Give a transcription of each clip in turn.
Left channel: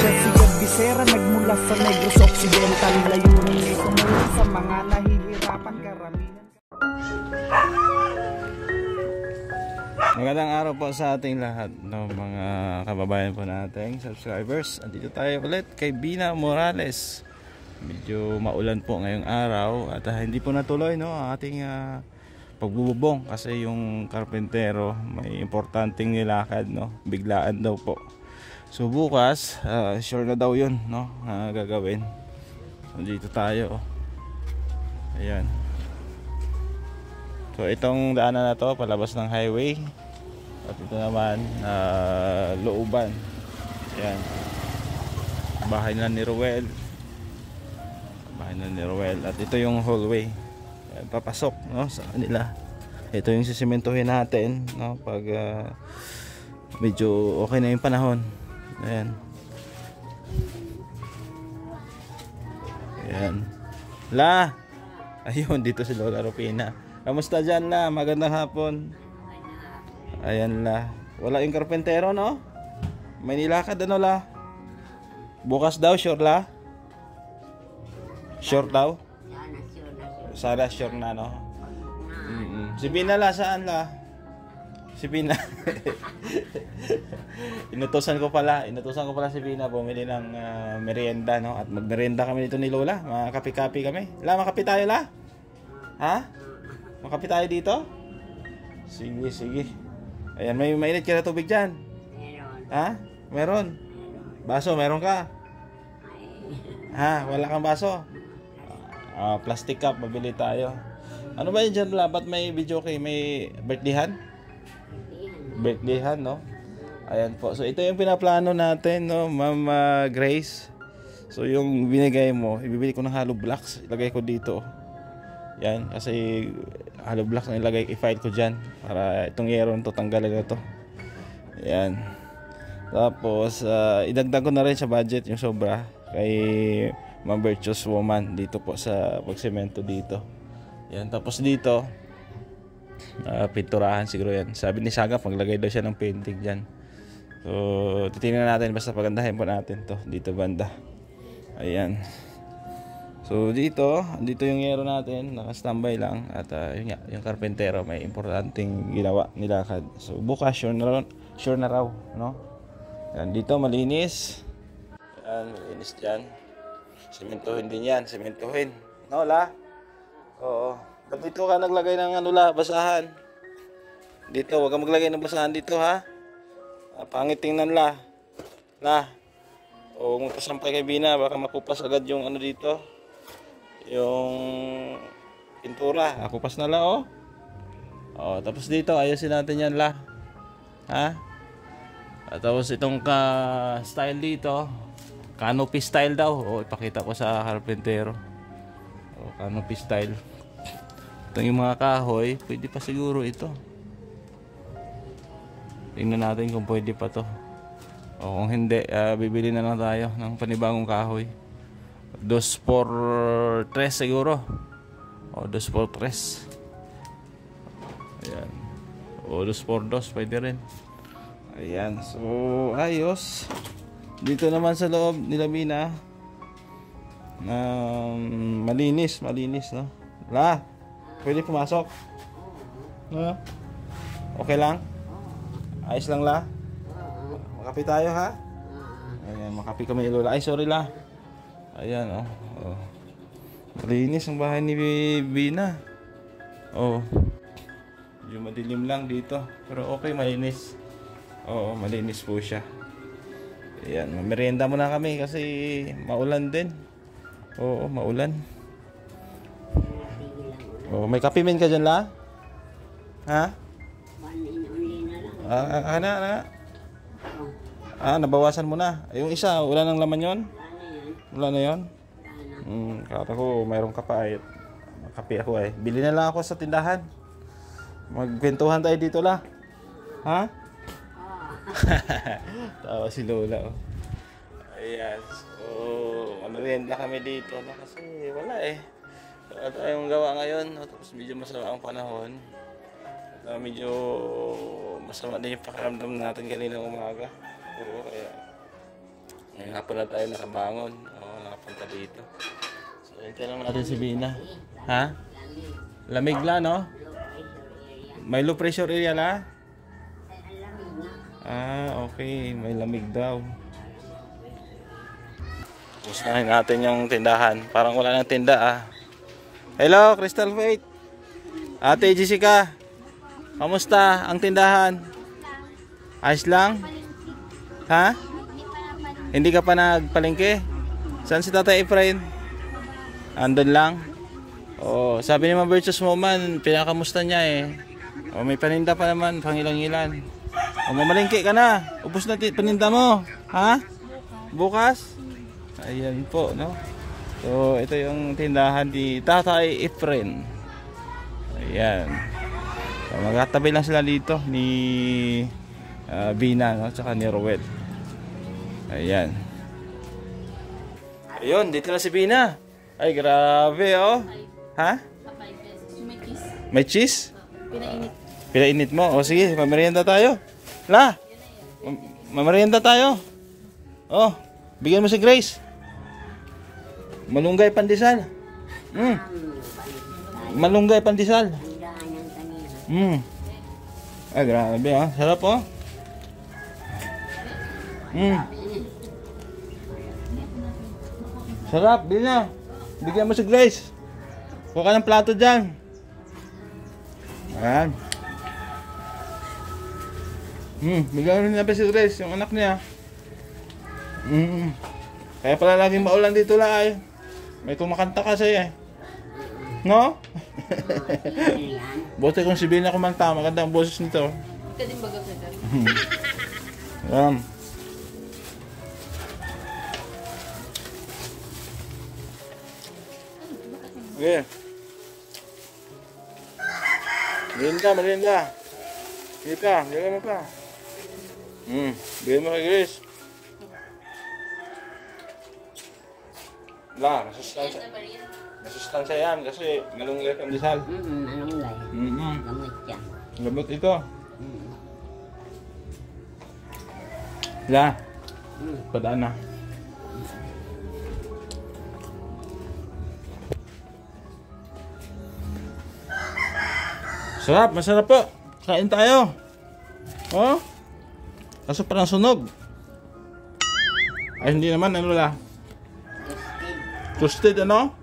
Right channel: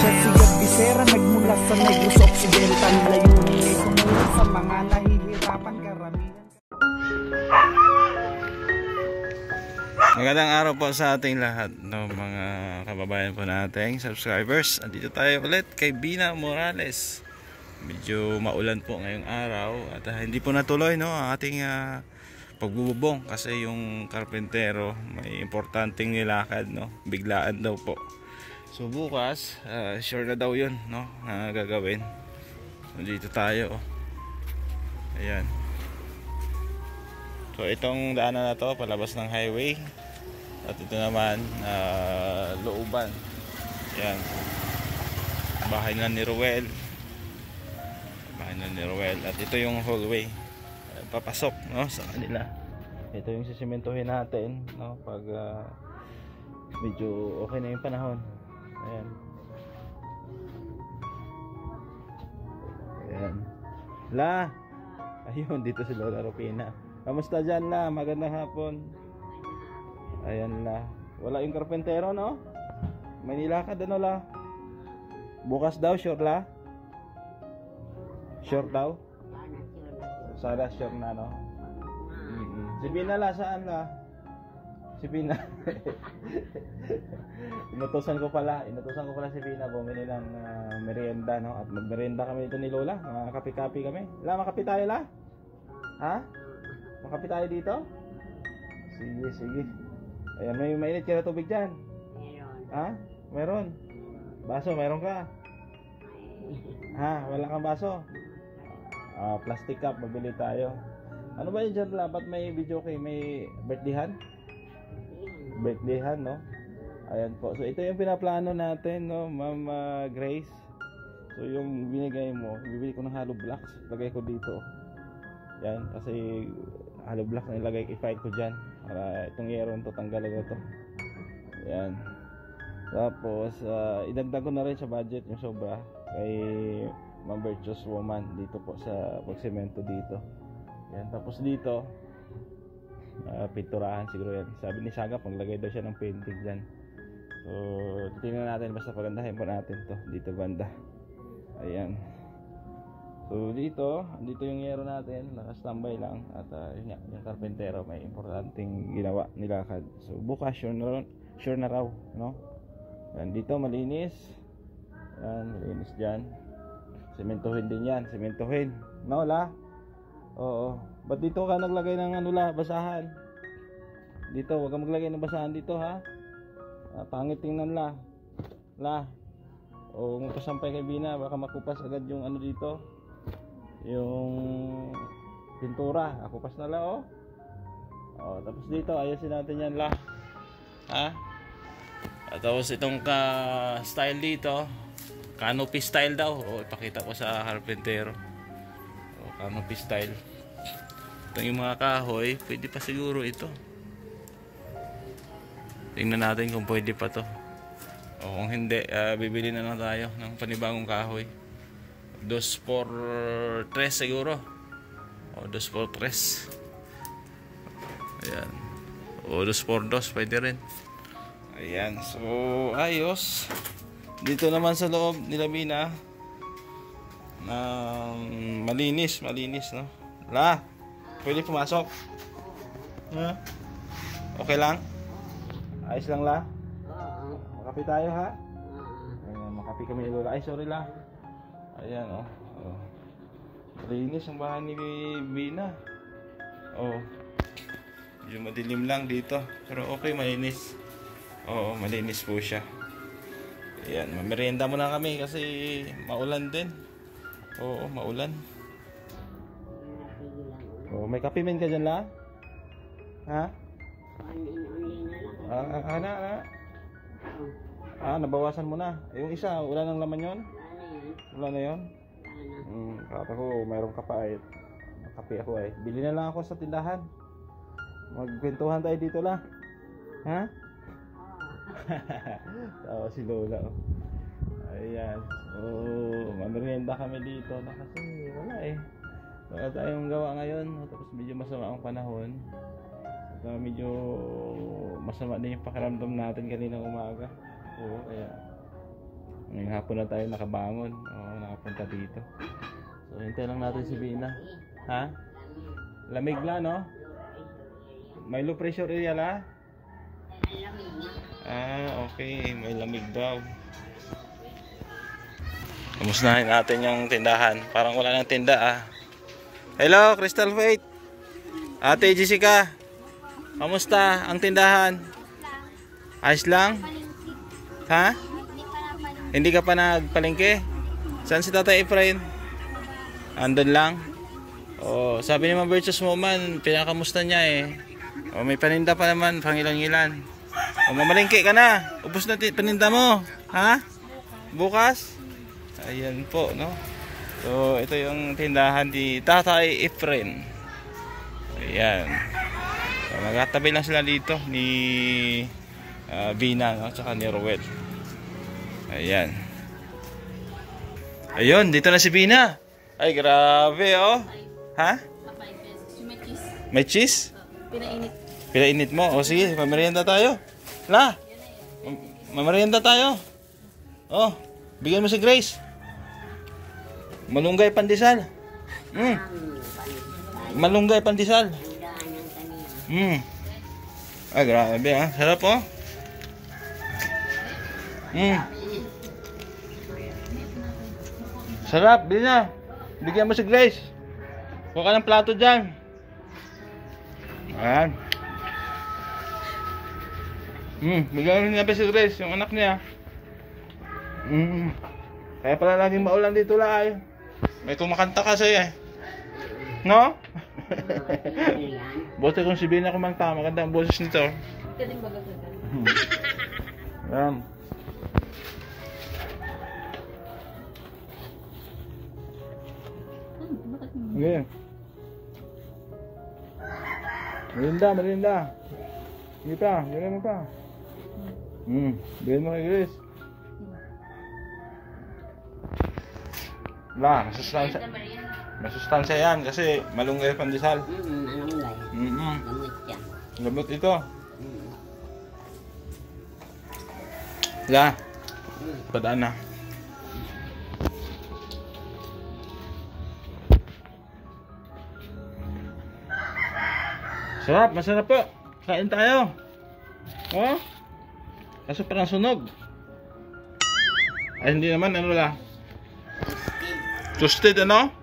Siya si Bisera, nagmula sa Negros Occidental. Layunin ay tumulong sa mga nahihirapan karamihan. Magandang araw po sa ating lahat, no, mga kababayan po nating subscribers. Andito tayo ulit kay Bina Morales. Medyo maulan po ngayong araw at hindi po natuloy, no, ang ating pagbububong kasi yung karpentero may importanteng nilakad, no, biglaan daw po. So bukas sure na daw yun, no, na gagawin. So dito tayo, ayan. So itong daanan na to palabas ng highway. At ito naman looban. Ayan. Bahay na ni Ruel. Bahay na ni Ruel. At ito yung hallway. Ayan, papasok, no, sa kanila. Ito yung sisimentohin natin, no, pag medyo okay na yung panahon. Ayan. Ayan. La. Ayun, dito si Lola Rupina. Kamusta dyan, La? Magandang hapon. Ayan, La. Wala yung karpentero, no? May nilakad, ano, La? Bukas daw, sure, La? Sure daw? Sana sure na, no? Si Bina, La, saan, La? Si Bina. Inutusan ko pala si Bina bumili ng merienda, no? At magmerienda kami dito ni Lola. Makapi-kapi kami. La, makapi tayo, La? Ha? Makapi tayo dito? Sige, sige. Ayan, may mainit ka na tubig dyan? Meron. Ha? Meron? Baso, meron ka? Ha? Wala kang baso? Plastic cup, mabili tayo. Ano ba yun dyan, La? Ba't may video kay may birthdayhan? Birthdayhan, no? Ayan po. So, ito yung pinaplano natin, no, Ma'am Grace. So, yung binigay mo, ibibili ko ng hollow blocks. Ilagay ko dito. Yan, kasi hollow blocks na ilagay, i-file ko dyan para itong yero nito tanggalin na to. Yan. Tapos idagdag ko na rin sa budget yung sobra kay Ma'am Virtuous Woman dito po sa pagsemento dito. Yan. Tapos dito pinturahan siguro yan. Sabi ni Saga maglagay daw siya ng painting dyan. So titingnan natin, basta pagandahin po natin to dito banda. Ayan. So dito yung yero natin, naka-standby lang. At yun nga, yung karpentero may importanteng ginawa, nilakad. So bukas sure na raw, no? Yan, dito malinis. Yan, malinis dyan. Sementohin din yan, sementohin. No, La? Oo. Ba't dito ka naglagay ng ano, La, basahan? Dito, huwag kang maglagay ng basahan dito, ha? Pangit tingnan, La. La. O magpasampay kay Bina, baka makupas agad yung ano dito, yung pintura. Akupas na, La, oh. Tapos dito ayusin natin yan, La, ha? At tapos itong style dito, canopy style daw. Ipakita ko sa carpentero. Canopy style. Itong yung mga kahoy, pwede pa siguro ito. Tingnan natin kung pwede pa to. Kung hindi, bibili na lang tayo ng panibagong kahoy. 2x3 siguro. 2x3. Ayan. 2x2 pwede rin. Ayan. So ayos. Dito naman sa loob nila Bina, malinis, no? La, pwede pumasok? Okay lang? Ayos lang, La? Makapi tayo, ha? Ayan, makapi kami, Lola. Ay, sorry, La. Ayan, malinis ang bahay ni Bina. Yung madilim lang dito, pero okay, malinis. Malinis po siya. Ayan, merienda muna kami kasi maulan din. Maulan. May kape min ka dyan, La? Ha? Nabawasan mo na. Yung isa, wala nang laman yon? Wala na yun? Kata ko mayroon ka pa, kape ako eh. Bili na lang ako sa tindahan. Magkwentuhan tayo dito, La. Ha? Tawa si Lola, oh. Ayan. So mamerienda kami dito, no? Kasi wala eh. Wala tayong gawa ngayon, no? Tapos medyo masama ang panahon. Medyo masama din yung pakiramdam natin kanina umaga. Kaya Ngayong hapon na tayo nakabangon. Oo, nakapunta dito. So, ito lang natin si Bina. Ha? Lamig lang, no? May low pressure area la? Ah, okay. May lamig daw. Kamustahin natin yung tindahan. Parang wala nang tinda, ah. Hello, Crystal Faith. Ate Jessica. Kamusta ang tindahan? Ayos lang? Ha? Hindi ka pa nagpalengke? Saan si Tatay Efrain? Andun lang? Oh, sabi ni Ma'am Virtus mo man, pinakamusta niya eh. Oh, may paninda pa naman, pangilan-ngilan. Oh, mamalengke ka na. Ubus na paninda mo. Ha? Bukas? Ayan po, no? So, ito yung tindahan ni Tatay Efrain. Ayan. So, magkatabi lang sila dito ni Bina, no? Tsaka ni Rowel. Ayan. Ayun, dito na si Bina. Ay, grabe, oh. Ha? May cheese? Pinainit. Pinainit mo? O sige, mamerienda tayo. La, mamerienda tayo. Oh, bigyan mo si Grace. Malunggay pandesal. Malunggay pandesal. Ay, grabe, ha. Sarap, oh. Sarap, Bina. Bigyan mo si Grace. Kuha ka ng plato dyan. Ayan. Bigyan mo niya si Grace, yung anak niya. Kaya pala laging maulan dito la ay. May kumakanta kasi eh. No? Bote kung si Bina kumanta, maganda ang boses nito. Ito din baga sa dati. Ayan. Okay. Merinda. Kita, bigyan mo pa. Bigyan mo kay Grace. La, masustansya yan kasi malunggay pandesal. Malunggay. Gamot yan. Gamot ito. La, padaan na. Sarap, masarap po. Kain tayo. Oh? Kaso parang sunog. Ay, hindi naman, ano la? Toasted, ano?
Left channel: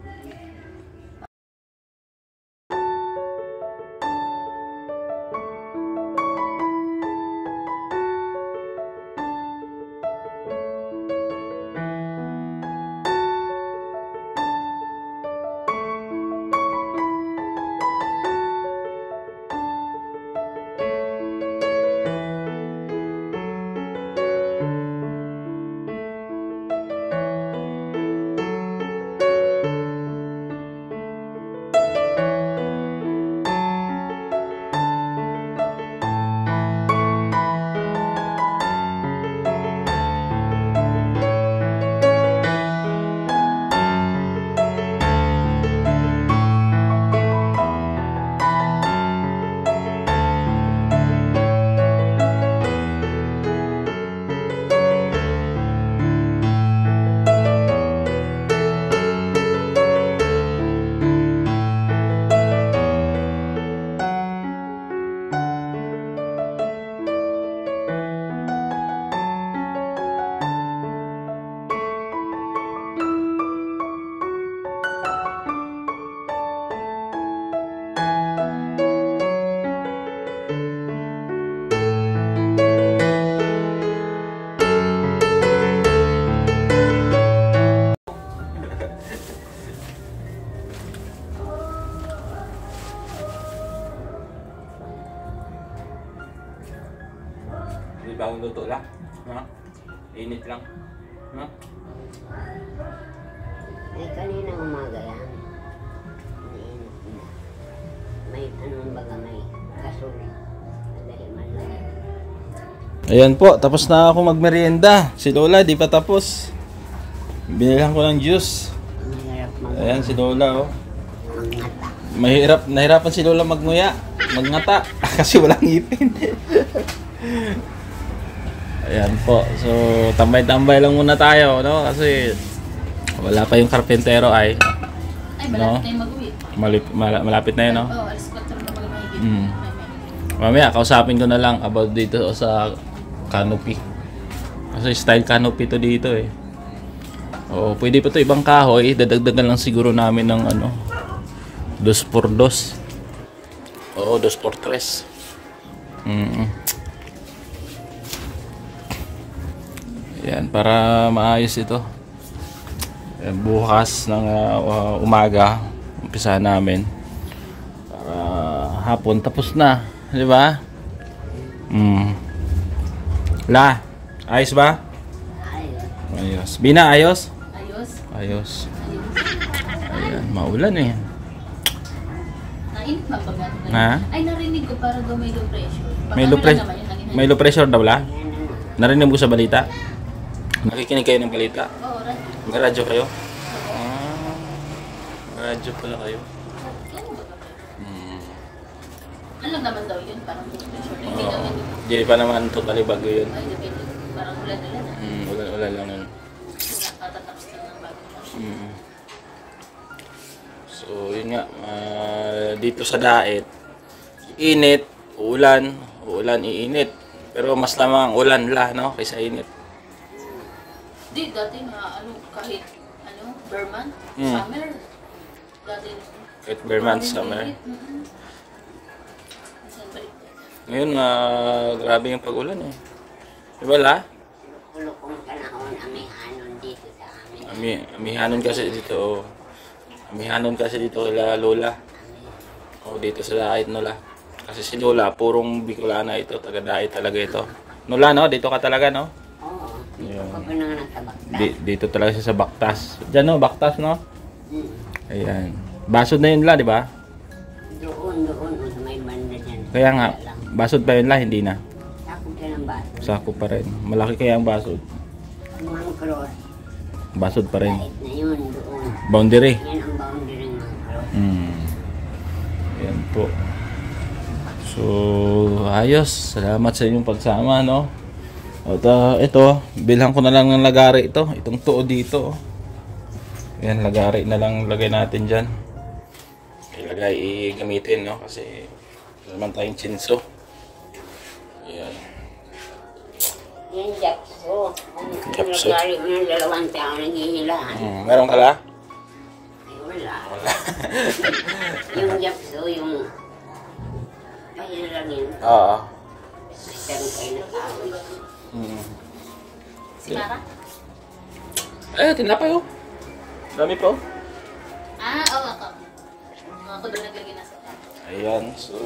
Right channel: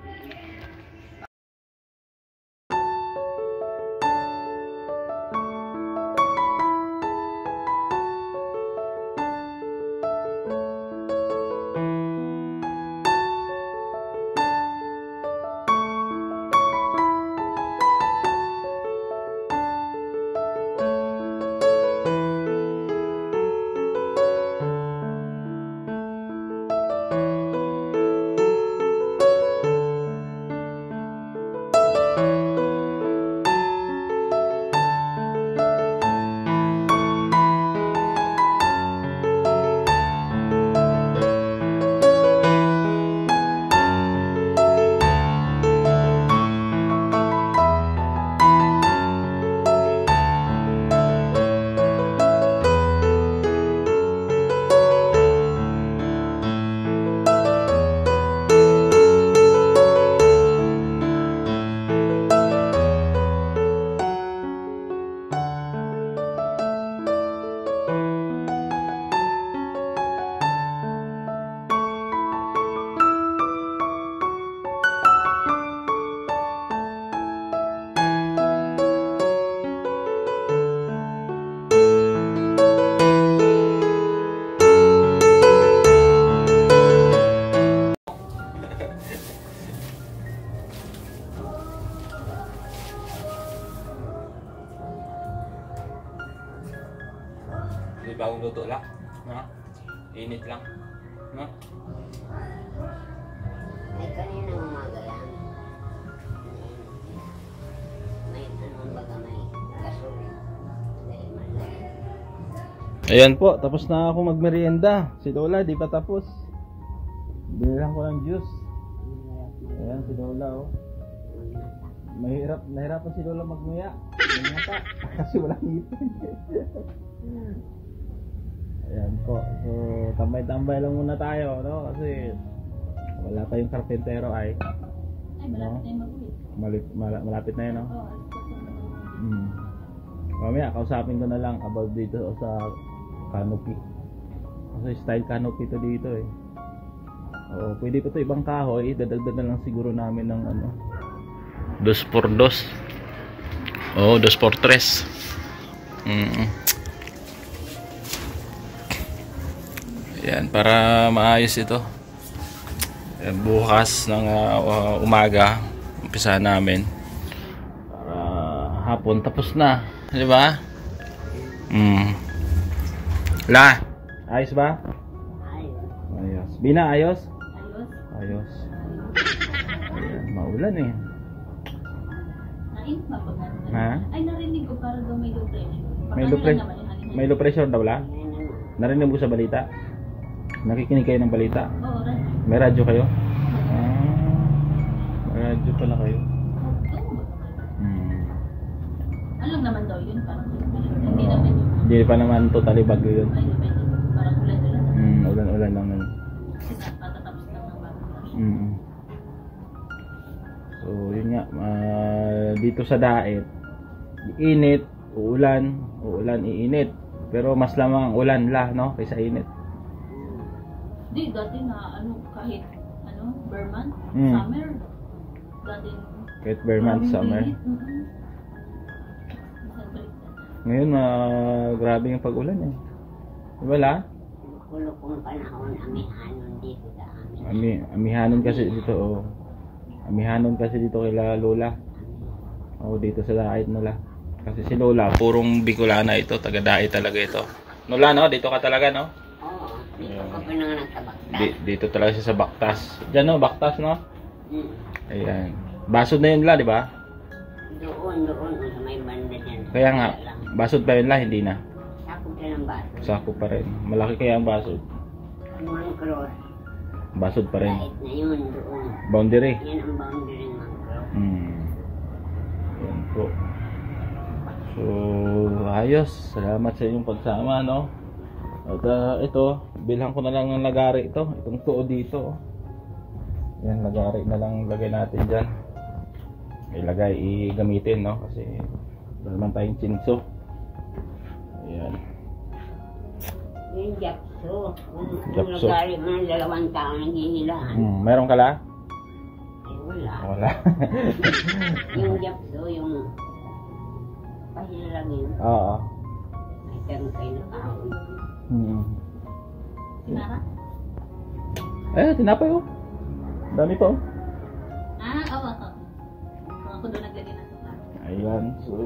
Di bagong luto lang. Ha? Init lang. Ha? Ay, kaninang umaga yan. May anong baga may kasol. Dahil man lang. Ayan po, tapos na ako magmerienda. Si Lola, di pa tapos. Binilhan ko ng juice. Mahirap Ayan si Lola, oh. mangata. Nahirapan si Lola magnguya, magngata kasi walang ngipin. Ayan po. So, tambay-tambay lang muna tayo, no? Kasi wala pa yung karpentero ay. Ay, malapit na yung mag-uwi. Malapit na yun, no? Oo, alas 4 na mag-mahigit. Mamaya, kausapin ko na lang about dito sa canopy. Kasi style canopy to dito eh. Oo, pwede pa to ibang kahoy. Dadagdagan lang siguro namin ng ano, 2x2. Oo, 2x3. Yan, para maayos ito. Bukas ng umaga, umpisa namin. Hapon, tapos na. Di ba? La, ayos ba? Ayos. Bina, ayos? Ayos. Ayos. Ayan, maulan eh. Nainit ba pag natin? Ha? Ay, narinig ko para daw may low pressure. May low pressure. May low pressure daw la? Narinig mo sa balita? Nakikinig kayo ng balita? Oo, radyo. May radyo kayo? May radyo pala kayo. Ano lang naman daw yun? Parang low pressure. Hindi naman yun. Hindi pa naman totally bago yun. Ay, depende. Parang ulan-ulan na. Ulan-ulan lang yun. Patatapos na ng bagong taon. So yun nga, dito sa Daet, init, uulan, iinit. Pero mas lamang ulan la, no, kaysa init. Di, dati nga, kahit, Burman, summer. Dati, Kahit Vermont summer. Ngayon, grabe yung pag-ulan eh. Diba la? Kulukong panahon, amihanon dito sa amin. Amihanon kasi dito, oh. Amihanon kasi dito kila Lola. Oh, dito sa Daet, no la. Kasi si Lola, purong Bicolana ito, taga Daet talaga ito. Lola, no? Dito ka talaga, no? Oo, dito ka pinanganak sa Baktas. Dito talaga siya sa Baktas. Diyan, no? Baktas, no? Ayan. Basod na yun la, di ba? Doon, sa may banda dyan. Kaya nga, basod pa yun la, hindi na. Sakop ka ng baso. Sako pa rin. Malaki kaya ang basod. Mang Cross. Basod pa rin. Kahit na yun, doon. Boundary. Yan ang boundary ng Mang Cross. Ayan po. So, ayos. Salamat sa inyong pagsama, no? At ito, bilhan ko na lang ng lagari ito. Itong tuo dito. Ayan, lagari na lang lagay natin dyan. Ilagay, gamitin, no? Kasi ito naman tayong chinso. Ayan. Yan, Japso. Japso. Lagari mo ng 2 taon naghihilahan. Meron ka la? Ay, wala. Wala. Yung Japso, yung... Kaya lang yun. Oo. May tanong kayo na kahoy. Si Mara? Tinapay oh. Dami pa oh. Oo, ako. Ako doon naglagay na sa tayo. Ayan, so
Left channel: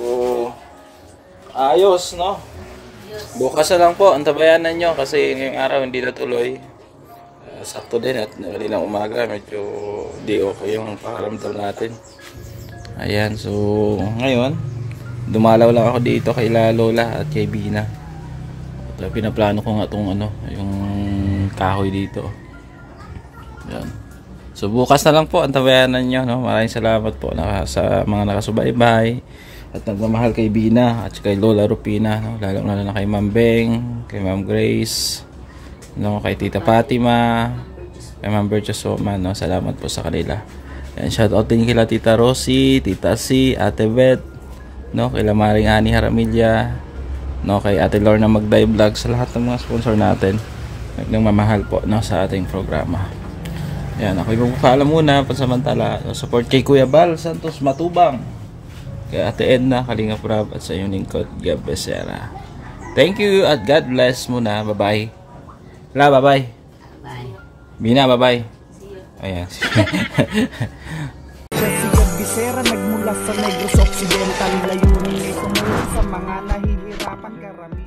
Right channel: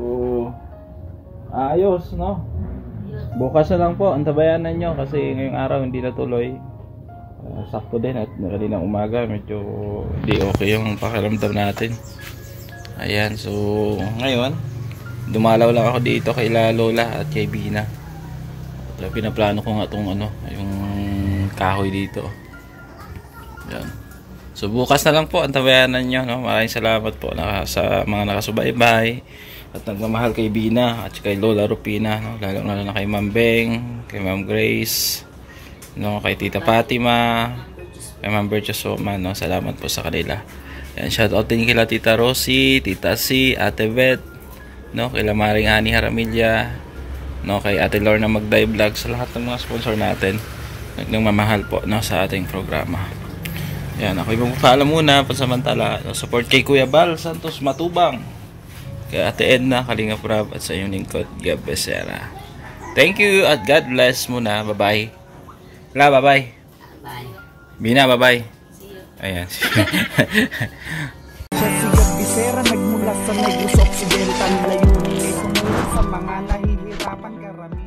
ayos, no? Ayos. Bukas na lang po, antabayanan nyo kasi ngayong araw hindi natuloy. Sakto din at nakalinang umaga, medyo di okay yung pakaramdam natin. Ayan, so ngayon, dumalaw lang ako dito kay Lola at kay Bina. At pinaplano ko nga itong yung kahoy dito. Ayan. So bukas na lang po, antabayanan nyo, no? Maraming salamat po sa mga nakasubaybay at nagmamahal kay Bina at kay Lola Rupina, no? Lalo na kay Ma'am Beng, kay Ma'am Grace, no? Kay Tita Fatima, kay Ma'am Bertus Soman, no? Salamat po sa kanila. Yan, shout out din kila Tita Rosie, Tita C, Ate Beth, no? Kay Maring Ani Haramilya, no? Kay Ate Lorna Magday Vlog, sa lahat ng mga sponsor natin nagmamahal po, no? Sa ating programa. Yan, ako yung magpapaalam muna pansamantala. Support kay Kuya Bal Santos Matubang, kay Ate Edna Kalinga Prab at sa iyong lingkod Gab Becerra. Thank you at God bless muna. Bye-bye. La, bye-bye. Bye. Bina, bye-bye. See you. Ayan. Siya si Gab Becerra, nagmula sa Negros Occidental. Layunin ay tumulong sa mga nahihirapan karamihan.